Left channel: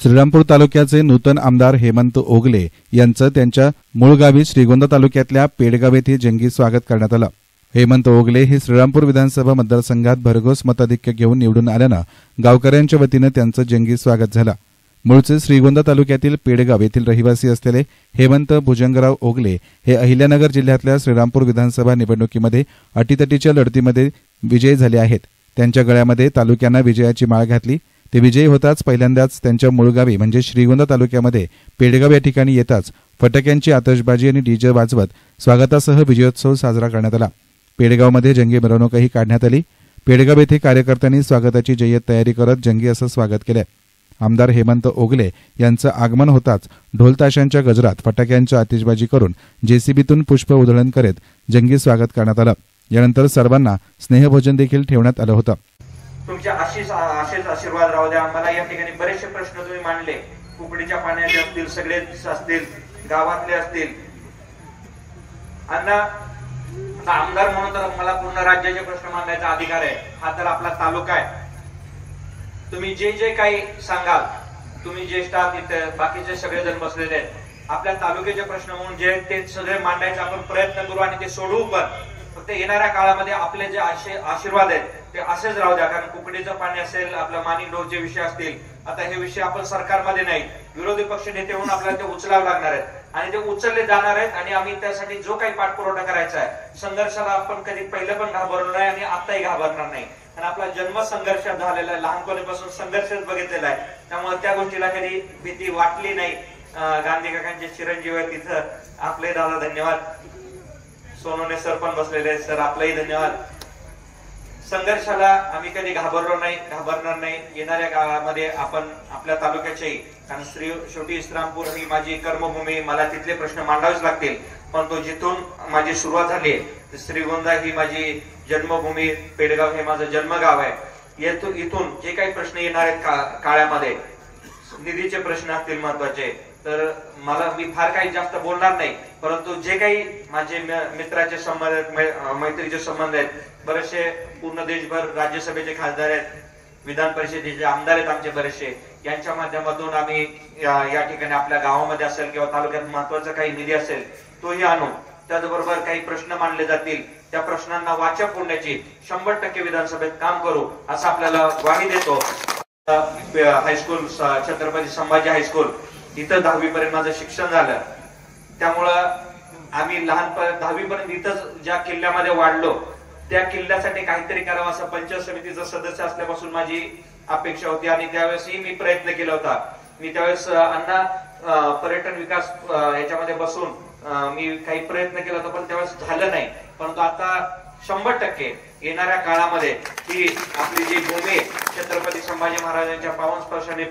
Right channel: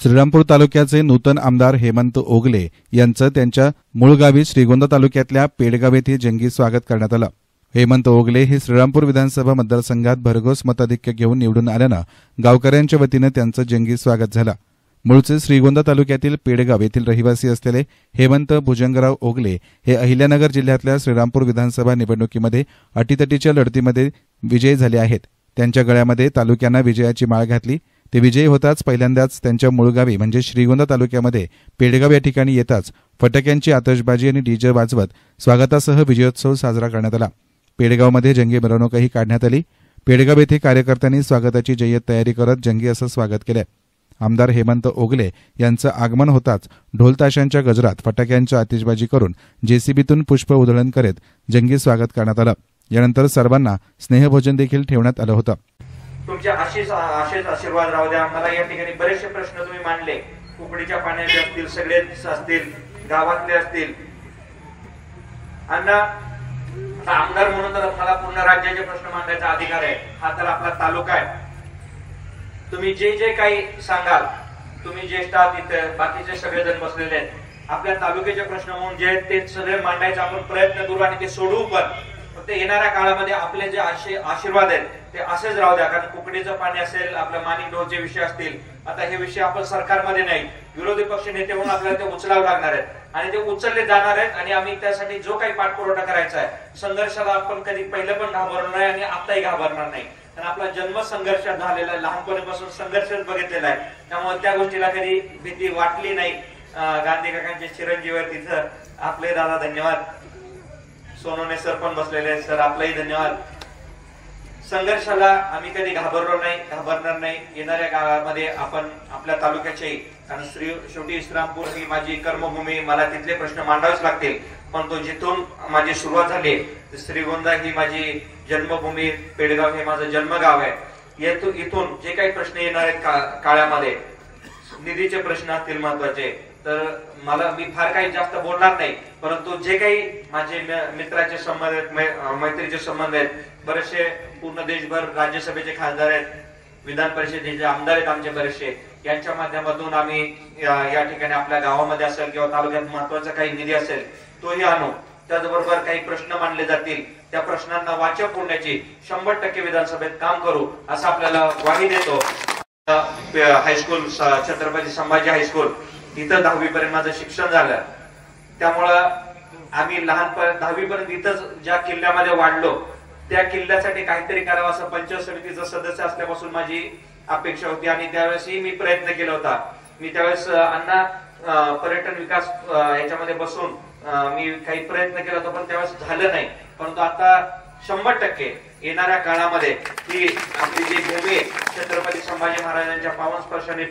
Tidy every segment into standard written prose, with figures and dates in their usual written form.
श्रीरामपूर तालुक्याचे नूतन आमदार हेमंत ओगले यांचं त्यांच्या मूळ गावी श्रीगोंदा तालुक्यातल्या पेडगाव येथे जंगी स्वागत करण्यात आलं। हेमंत ओगले हे श्रीरामपूर विधानसभा मतदारसंघात भरघोस मताधिक्य घेऊन निवडून आल्यानं गावकऱ्यांच्या वतीनं त्यांचं जंगी स्वागत झालं। मूळचे श्रीगोंदा तालुक्यातील पेडगाव येथील रहिवासी असलेले हेमंत भुजंगराव ओगले हे अहिल्यानगर जिल्ह्यातल्या श्रीरामपूर विधानसभा निवडणुकीमध्ये अटीतटीच्या लढतीमध्ये विजयी झाले आहेत। त्यांच्या गळ्यामध्ये तालुक्यांना विजयाची माळ घातली। ते विजयी होताच पहिल्यांदाच त्यांच्या मूळ गावी म्हणजे श्रीगोंदा तालुक्यामध्ये पेडगाव या ठिकाणी येताच फटाक्यांची आतषबाजी आणि डीजे वाजवत स्वागतासह विजयोत्सव साजरा करण्यात आला। पेडगावमध्ये जंगी मिरवणूकही काढण्यात आली। पेडगाव येथे कार्यकर्त्यांनी स्वागताची जय्यत तयारी करत जंगी असं स्वागत केले। आमदार हेमंत ओगले यांचं आगमन होताच ढोलताशांच्या गजरात फटाक्यांच्या आतिषबाजी करून जेसीबीतून पुष्प उधळण करीत जंगी स्वागत करण्यात आलं। यानंतर सर्वांना स्नेहभोजन देखील ठेवण्यात आलं होतं। तुमच्या अशीच आशीर्वाद राहू द्या। मला या ठिकाणी बरेचसे प्रश्न तुम्ही मांडले, कुकडीच्या पाण्याचे असतील, सगळेच असतील, गावातले असतील। आमदार म्हणून तर मला पूर्ण राज्याचे प्रश्न मांडायचा अधिकार आहे। हा तर आपला तालुका आहे। तुम्ही जे जे काही सांगाल, तुम्ही ज्येष्ठ आहात, इथे बाकीचे सगळेजण बसलेले आहेत, आपल्या तालुक्याचे प्रश्न म्हणून जे ते सगळे मांडायचा आपण प्रयत्न करू आणि ते सोडवू पण। फक्त येणाऱ्या काळामध्ये आपले जे आशीर्वाद आहेत ते असेच राहू द्या। कारण कुकडीचं पाणी असेल, आपल्या माणिक डोळचे विषय असतील, आता हे विषय आपण सरकारमध्ये नाही, विरोधी पक्ष नेते म्हणून आपल्याला ते उचलावे लागणार आहेत आणि ते उचलले जाणार आहेत। आणि आम्ही त्यासाठी जो काही पाठपुरावा करायचा आहे, संघर्षाला आपण कधी पहिले पण घाबरलो नाही आणि आताही घाबरणार नाही। आणि आपला जन्म संघर्षात झालेला आहे, लहानपणीपासून संघर्षच बघितलेला आहे, त्यामुळे त्या गोष्टीला कधी भीती वाटली नाही। गांधी काकांचे चिरंजीव आहेत तिथं, आपले दादा धन्यवाद। सोनवणे सर पण बसलेले आहेत, सर आपलाही धन्यवाद। संघर्षाला आम्ही कधी घाबरलो नाही, घाबरणार नाही। येणाऱ्या काळामध्ये आपण आपल्या तालुक्याचे, कारण शेवटी श्रीरामपूर ही माझी कर्मभूमी, मला तिथले प्रश्न मांडावेच लागतील, पण तो जिथून माझी सुरुवात झाली, श्रीगोंदा ही माझी जन्मभूमी, पेडगाव हे माझं जन्मगाव आहे। इथून जे काही प्रश्न येणार आहेत काळामध्ये, निधीचे प्रश्न असतील महत्वाचे, तर मी फार काही जास्त बोलणार नाही, परंतु जे काही माझे मित्राचे संबंध आहेत, मैत्रीचे संबंध आहेत, बरेचसे पूर्ण देशभर राज्यसभेचे खासदार आहेत, विधान परिषदेचे आमदार आहेत आमचे बरेचसे, यांच्या माध्यमातून आम्ही या ठिकाणी आपल्या गावामध्ये असेल किंवा तालुक्यात महत्वाचा काही निधी असेल तोही आणू। त्याचबरोबर काही प्रश्न मांडले जातील, त्या प्रश्नांना वाचा फोडण्याची 100% विधानसभेत काम करू असं आपल्याला ग्वाही देतो। हायस्कूल छत्रपती संभाजी हायस्कूल इथं 10वी पर्यंत माझं शिक्षण झालं, त्यामुळं आम्ही लहानपण 10वी पर्यंत इथंच ज्या किल्ल्यामध्ये वाढलो, त्या किल्ल्यासाठी काहीतरी करावं असं पंचायत समितीचं सदस्य असल्यापासून माझी अपेक्षा होती आणि त्यावेळेसही मी प्रयत्न केला होता। मी त्यावेळेस अण्णा पर्यटन विकास याच्यामध्ये बसून मी काही प्रयत्न केला होता, पण त्यावेळेस झालं नाही। परंतु आता 100% येणाऱ्या काळामध्ये ही आपली जी भूमी छत्रपती संभाजी महाराजांच्या पावन स्पर्शाने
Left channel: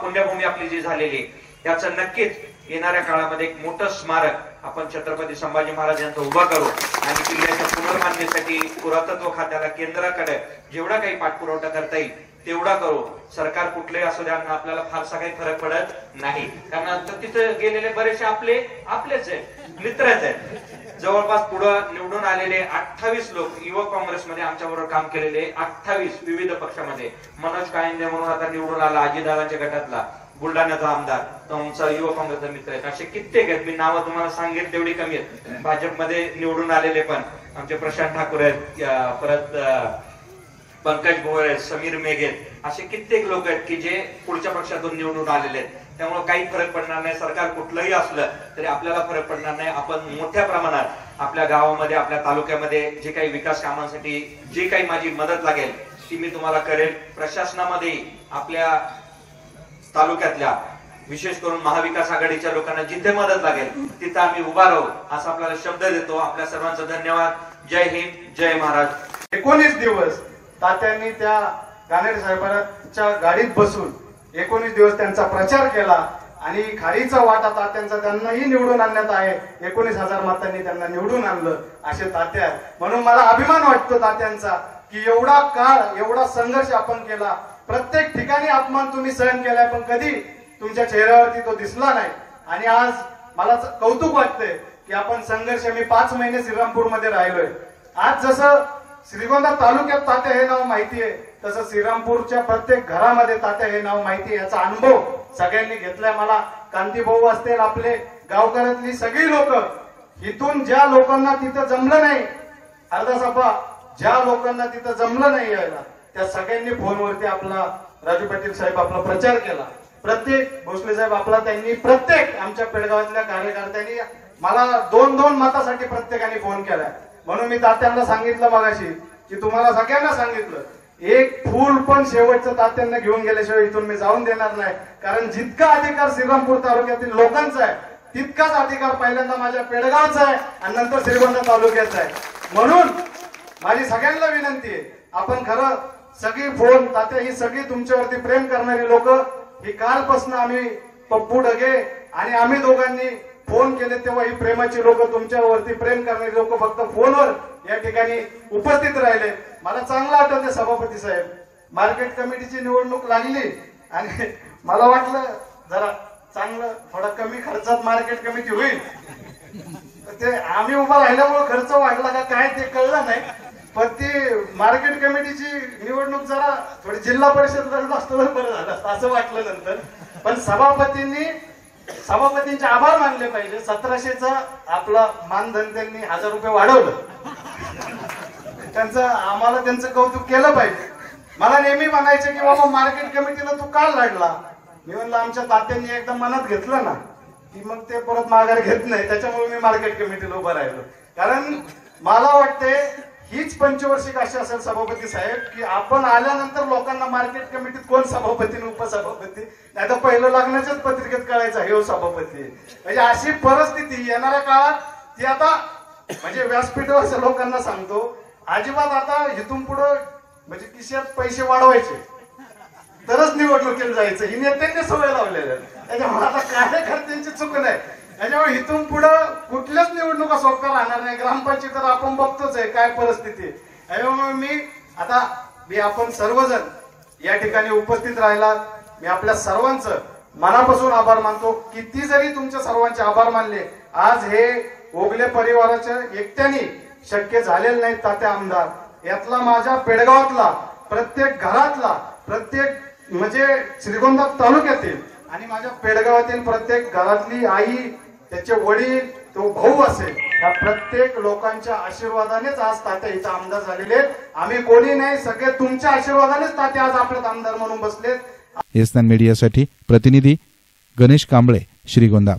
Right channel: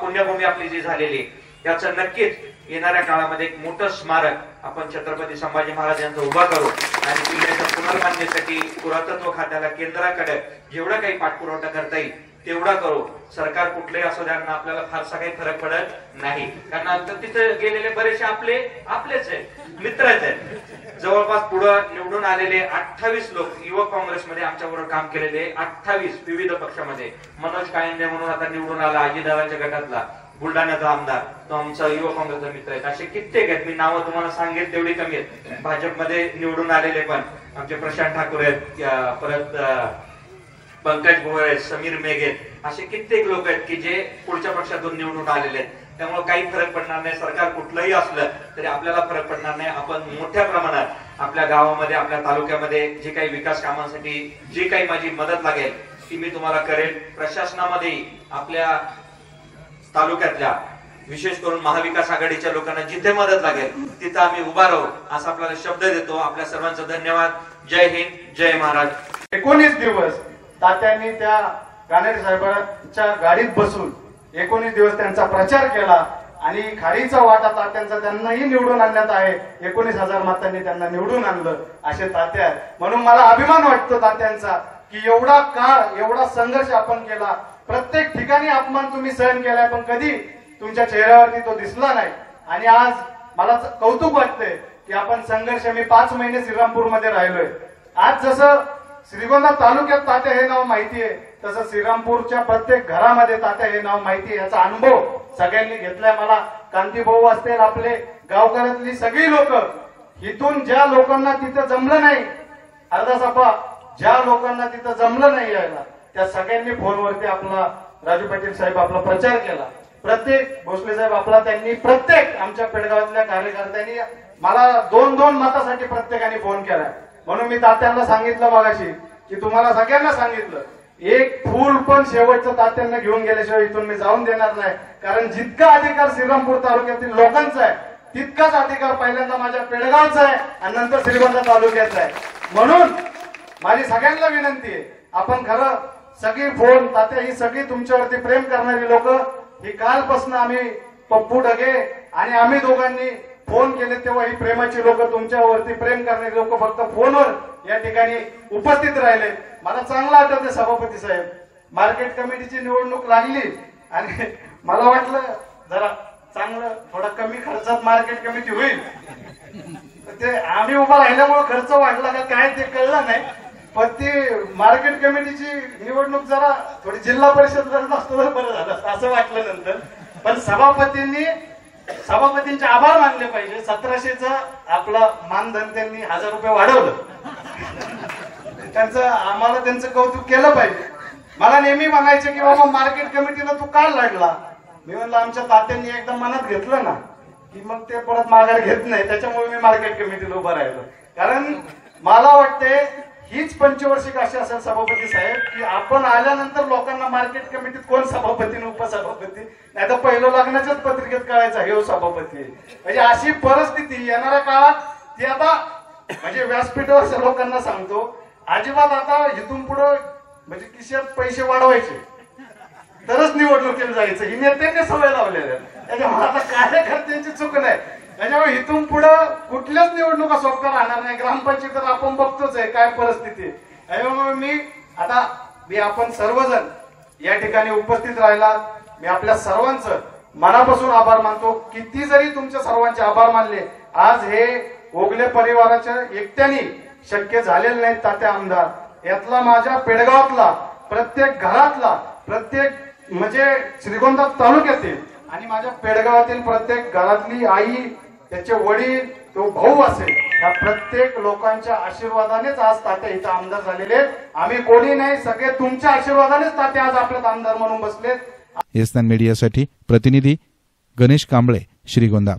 पुण्यभूमी आपली जी झालेली, याचं नक्कीच येणाऱ्या काळामध्ये एक मोठं स्मारक आपण छत्रपती संभाजी महाराज यांचं उभा करू आणि किल्ल्याच्या पुनर्बांधणीसाठी पुरातत्व खात्याला, केंद्राकडे जेवढा काही पाठपुरावा करता येईल तेवढा करू। सरकार कुठलेही असू द्या, आपल्याला फारसा काही फरक पडत नाही, कारण तिथे गेलेले बरेचसे आपलेच आहेत, मित्रच आहेत। जवळपास पुढे निवडून आलेले 28 लोक युवक काँग्रेसमध्ये आमच्याबरोबर काम केलेले, 28 विविध पक्षामध्ये। मनोज कायंदे म्हणून आता निवडून आला, अजितदादांच्या गटातला, बुलढाण्याचा आमदार, तो आमचा युवक काँग्रेसचा मित्र आहे। असे कित्येक आहेत, मी नावं तुम्हाला सांगेल तेवढी कमी आहेत। भाजपमध्ये निवडून आलेले पण आमचे प्रशांत ठाकूर आहेत, परत पंकज भोळे, समीर मेघे, असे कित्येक लोक आहेत की जे पुढच्या पक्षातून निवडून आलेले आहेत। त्यामुळे काही फरक पडणार नाही, सरकार कुठलंही असलं तरी आपल्याला फरक पडणार नाही। आपण मोठ्या प्रमाणात आपल्या गावामध्ये, आपल्या तालुक्यामध्ये जे काही विकास कामांसाठी जी काही माझी मदत लागेल ती मी तुम्हाला करेल। प्रशासनामध्ये आपल्या तालुक्यातल्या, विशेष करून महाविकास आघाडीच्या लोकांना जिथे मदत लागेल तिथे आम्ही उभा राहू असा आपल्याला शब्द देतो। आपल्या सर्वांचं धन्यवाद। जय हिंद, जय महाराज। 19 दिवस तात्यांनी त्या गाणेरे साहेबांच्या गाडीत बसून 19 दिवस त्यांचा प्रचार केला आणि खारीचा वाटा तात्यांचा त्यांनाही निवडून आणण्यात आहे। 19,000 मतांनी त्यांना निवडून आणलं असे तात्या। म्हणून मला अभिमान वाटतो तात्यांचा की एवढा काळ, एवढा संघर्ष आपण केला, प्रत्येक ठिकाणी अपमान तुम्ही सहन केलाय, पण कधी तुमच्या चेहऱ्यावरती तो दिसला नाही। आणि आज मला कौतुक वाटतंय की आपण संघर्ष, मी 5 महिने श्रीरामपूर मध्ये राहिलोय। आज जसं श्रीगोंदा तालुक्यात तात्या हे नाव माहिती आहे, तसं श्रीरामपूरच्या प्रत्येक घरामध्ये तात्या हे नाव माहिती आहे, याचा अनुभव सगळ्यांनी घेतलाय. मला कांती भाऊ असतील, आपले गावकऱ्यातली सगळी लोक, इथून ज्या लोकांना तिथं जमलं नाही, अर्धा सभा ज्या लोकांना तिथं जमलं नाही यायला, त्या सगळ्यांनी फोनवरती आपला राजू पाटील साहेब आपला प्रचार केला. प्रत्येक भोसले साहेब आपला त्यांनी प्रत्येक आमच्या पेडगावातल्या कार्यकर्त्यांनी मला 2-2 मतासाठी प्रत्येकाने फोन केला. म्हणून मी तात्यांना सांगितलं मगाशी की तुम्हाला सगळ्यांना सांगितलं, एक फूल पण शेवटचं तात्यांना घेऊन गेल्याशिवाय इथून मी जाऊन देणार नाही. कारण जितका अधिकार श्रीरामपूर तालुक्यातील लोकांचा आहे तितकाच अधिकार पहिल्यांदा माझ्या पेडगावचा आहे आणि नंतर श्रीगोंदा तालुक्याचा आहे. म्हणून माझी सगळ्यांना विनंती आहे, आपण खरं सगळी फोन तात्या ही सगळी तुमच्यावरती प्रेम करणारी लोक, ही कालपासून आम्ही पप्पू ढगे आणि आम्ही दोघांनी फोन केले तेव्हा ही प्रेमाची लोक, तुमच्यावरती प्रेम करणारी लोक फक्त फोनवर या ठिकाणी उपस्थित राहिले. मला चांगलं आठवते सभापती साहेब, मार्केट कमिटीची निवडणूक लागली आणि मला वाटलं जरा चांगलं थोडा कमी खर्चात मार्केट कमिटी होईल. ते आम्ही उभा राहिल्यामुळे खर्च वाढला का काय ते कळलं नाही, पण ती मार्केट कमिटीची निवडणूक जरा थोडी जिल्हा परिषद लढत असतं तर बरं झालं असतं असं वाटलं नंतर. पण सभापतींचे आभार मानले पाहिजे. 1700चं आपलं मानधन त्यांनी 1000 रुपये वाढवलं, आम्हाला त्यांचं कौतुक केलं पाहिजे. मला नेहमी म्हणायचे की बाबा मार्केट कमिटीला तू का लढला. मी म्हणलं आमच्या तात्यांनी एकदा मनात घेतलं ना की मग ते परत माघार घेत नाही, त्याच्यामुळे मी मार्केट कमिटीला उभं राहिलो. कारण मला वाटतंय हीच पंचवार्षिक अशी असेल सभापती साहेब की आपण आल्यानंतर लोकांना मार्केट कमिटीत कोण सभापती उपसभापती, नाही तर पहिलं लग्नाच्याच पत्रिकेत कळायचं हे सभापती. म्हणजे अशी परिस्थिती येणाऱ्या काळात ती आता म्हणजे व्यासपीठावर लोकांना सांगतो, अजिबात आता इथून पुढे म्हणजे खिशात पैसे वाढवायचे तरच निवडणुकीला जायचं, ही नेत्यांनी सवय लावलेल्या. त्याच्यामुळे आता कार्यकर्त्यांची चूक नाही. त्याच्यामुळे इथून पुढे कुठल्याच निवडणुका सोपा राहणार नाही. ग्रामपंचायत तर आपण बघतोच आहे काय परिस्थिती. त्याच्यामुळे मी आपण सर्वजण या ठिकाणी उपस्थित राहिलात, मी आपल्या सर्वांचं मनापासून आभार मानतो. किती जरी तुमच्या सर्वांचे आभार मानले, आज हे ओगले परिवाराच्या एकट्याने शक्य झालेलं नाही. तात्या आमदार यातला माझ्या पेडगावातला प्रत्येक घरातला, प्रत्येक म्हणजे श्रीगोंदा तालुक्यातील आणि माझ्या पेडगावातील प्रत्येक घरातली आई, त्याचे वडील, तो भाऊ असेल, या प्रत्येक लोकांच्या आशीर्वादानेच आज तात्या इथं आमदार झालेले. आम्ही कोणी नाही, सगळे तुमच्या आशीर्वादानेच तात्या आज आपल्यात आमदार म्हणून बसलेत. एसनान मीडियासाठी प्रतिनिधी गणेश कांबळे, श्रीगोंदा.